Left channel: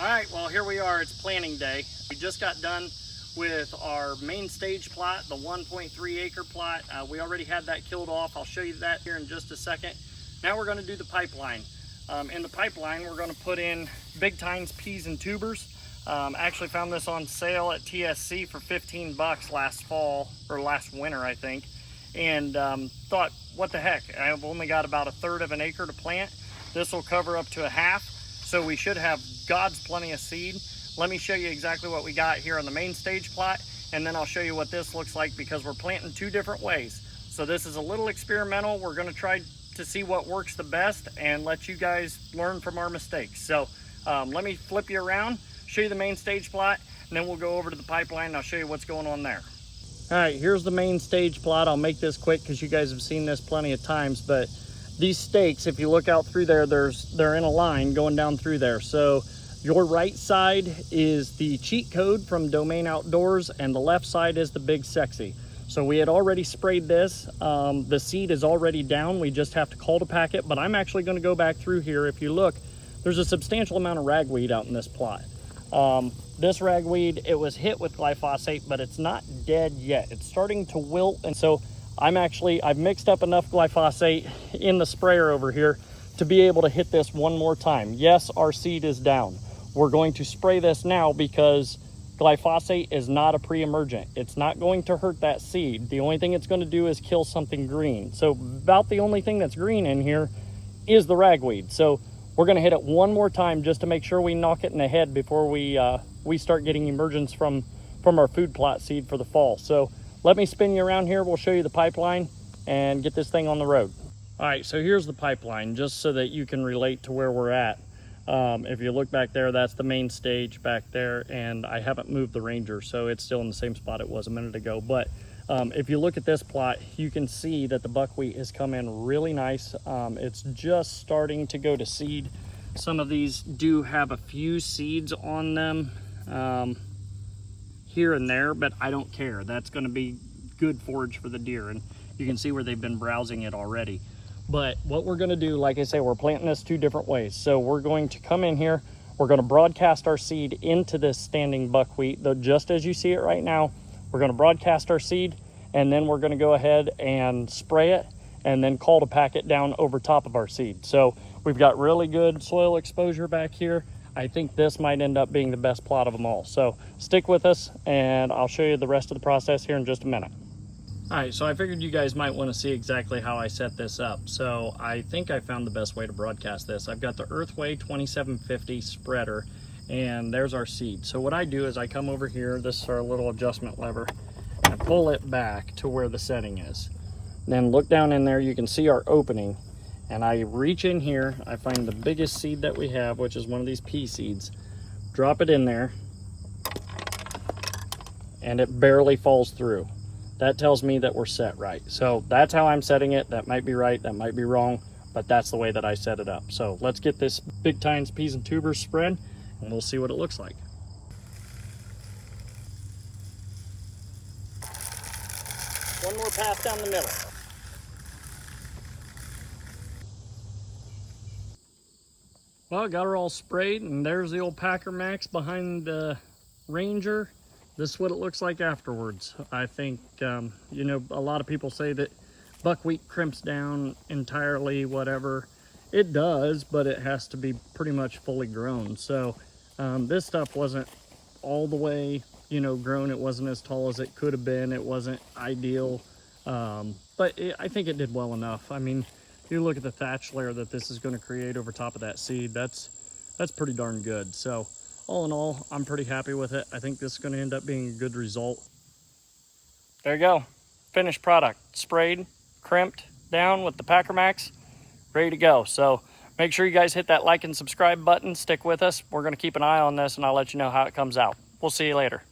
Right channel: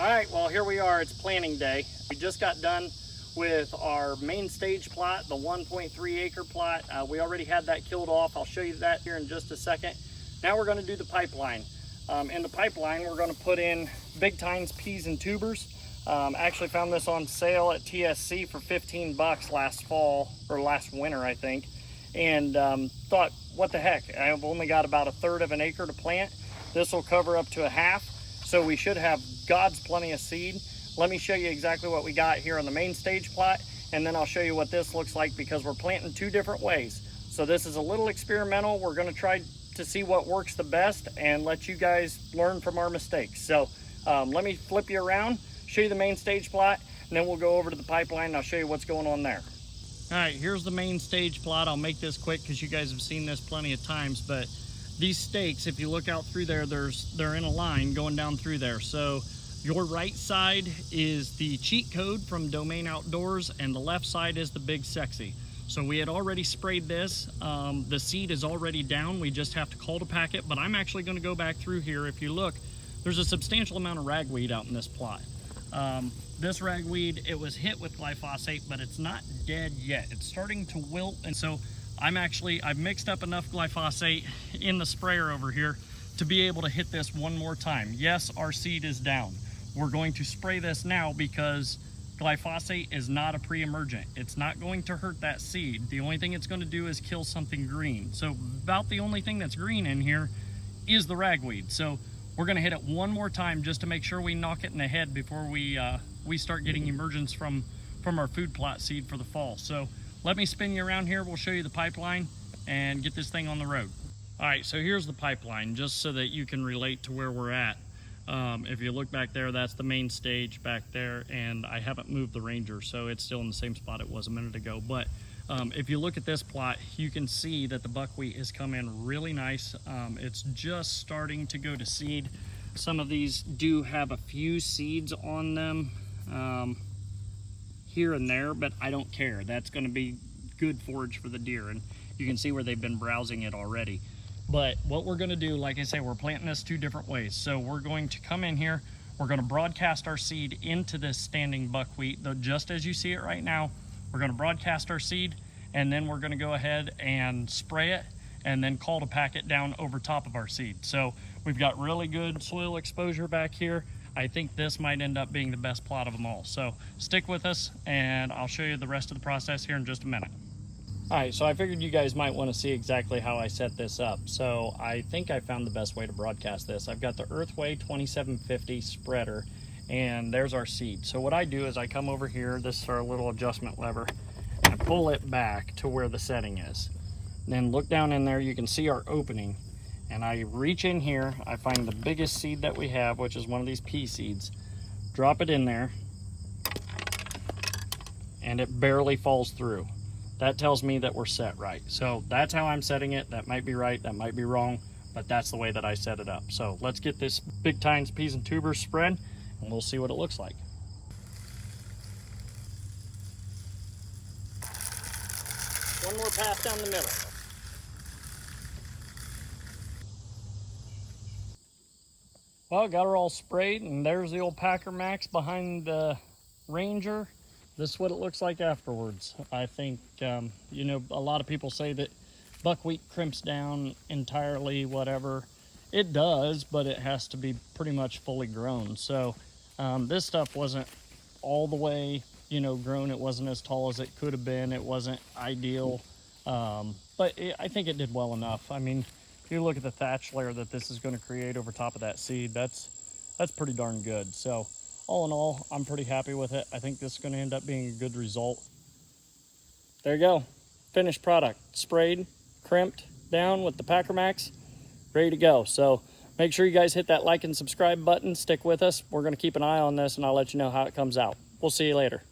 All right, well, here we are. It's planting day. We just got done with our main stage plot, the 1.3 acre plot. We already had that killed off. I'll show you that here in just a second. Now we're going to do the pipeline. In the pipeline, we're going to put in Big Tines peas and tubers. Actually found this on sale at TSC for 15 bucks last fall, or last winter, I think. And thought, what the heck? I've only got about 1/3 of an acre to plant. This will cover up to a half. So we should have God's plenty of seed. Let me show you exactly what we got here on the main stage plot, and then I'll show you what this looks like because we're planting 2 different ways. So this is a little experimental. We're gonna try to see what works the best and let you guys learn from our mistakes. So let me flip you around, show you the main stage plot, and then we'll go over to the pipeline and I'll show you what's going on there. All right, here's the main stage plot. I'll make this quick because you guys have seen this plenty of times, but these stakes, if you look out through there, they're in a line going down through there. So your right side is the cheat code from Domain Outdoors and the left side is the Big Sexy. So we had already sprayed this. The seed is already down. We just have to call to pack it, but I'm actually gonna go back through here. If you look, there's a substantial amount of ragweed out in this plot. This ragweed, it was hit with glyphosate, but it's not dead yet. It's starting to wilt, and so I've mixed up enough glyphosate in the sprayer over here to be able to hit this one more time. Yes, our seed is down. We're going to spray this now because glyphosate is not a pre-emergent. It's not going to hurt that seed. The only thing it's going to do is kill something green. So about the only thing that's green in here is the ragweed. So we're going to hit it one more time just to make sure we knock it in the head before we start getting emergence from our food plot seed for the fall. So let me spin you around here. We'll show you the pipeline and get this thing on the road. All right, so here's the pipeline just so that you can relate to where we're at. If you look back there, that's the main stage back there, and I haven't moved the Ranger, so it's still in the same spot it was a minute ago. But if you look at this plot, you can see that the buckwheat has come in really nice. It's just starting to go to seed. Some of these do have a few seeds on them here and there, but I don't care. That's going to be good forage for the deer, and you can see where they've been browsing it already. But what we're going to do, like I say, we're planting this 2 different ways. So we're going to come in here, we're going to broadcast our seed into this standing buckwheat, just as you see it right now. We're going to broadcast our seed, and then we're going to go ahead and spray it and then call to pack it down over top of our seed. So we've got really good soil exposure back here. I think this might end up being the best plot of them all. So stick with us and I'll show you the rest of the process here in just a minute. All right, so I figured you guys might want to see exactly how I set this up. So I think I found the best way to broadcast this. I've got the Earthway 2750 spreader, and there's our seed. So what I do is I come over here, this is our little adjustment lever, and I pull it back to where the setting is. Then look down in there, you can see our opening, and I reach in here, I find the biggest seed that we have, which is one of these pea seeds, drop it in there, and it barely falls through. That tells me that we're set right. So that's how I'm setting it. That might be right, that might be wrong, but that's the way that I set it up. So let's get this Big Tines peas and tubers spread, and we'll see what it looks like. One more pass down the middle. Well, got her all sprayed, and there's the old Packer Max behind the Ranger. This is what it looks like afterwards. I think, you know, a lot of people say that buckwheat crimps down entirely, whatever. It does, but it has to be pretty much fully grown. So this stuff wasn't all the way, you know, grown. It wasn't as tall as it could have been. It wasn't ideal, but I think it did well enough. I mean, if you look at the thatch layer that this is going to create over top of that seed, that's pretty darn good. So all in all, I'm pretty happy with it. I think this is going to end up being a good result. There you go. Finished product. Sprayed, crimped down with the Packer Max. Ready to go. So make sure you guys hit that like and subscribe button. Stick with us. We're going to keep an eye on this, and I'll let you know how it comes out. We'll see you later.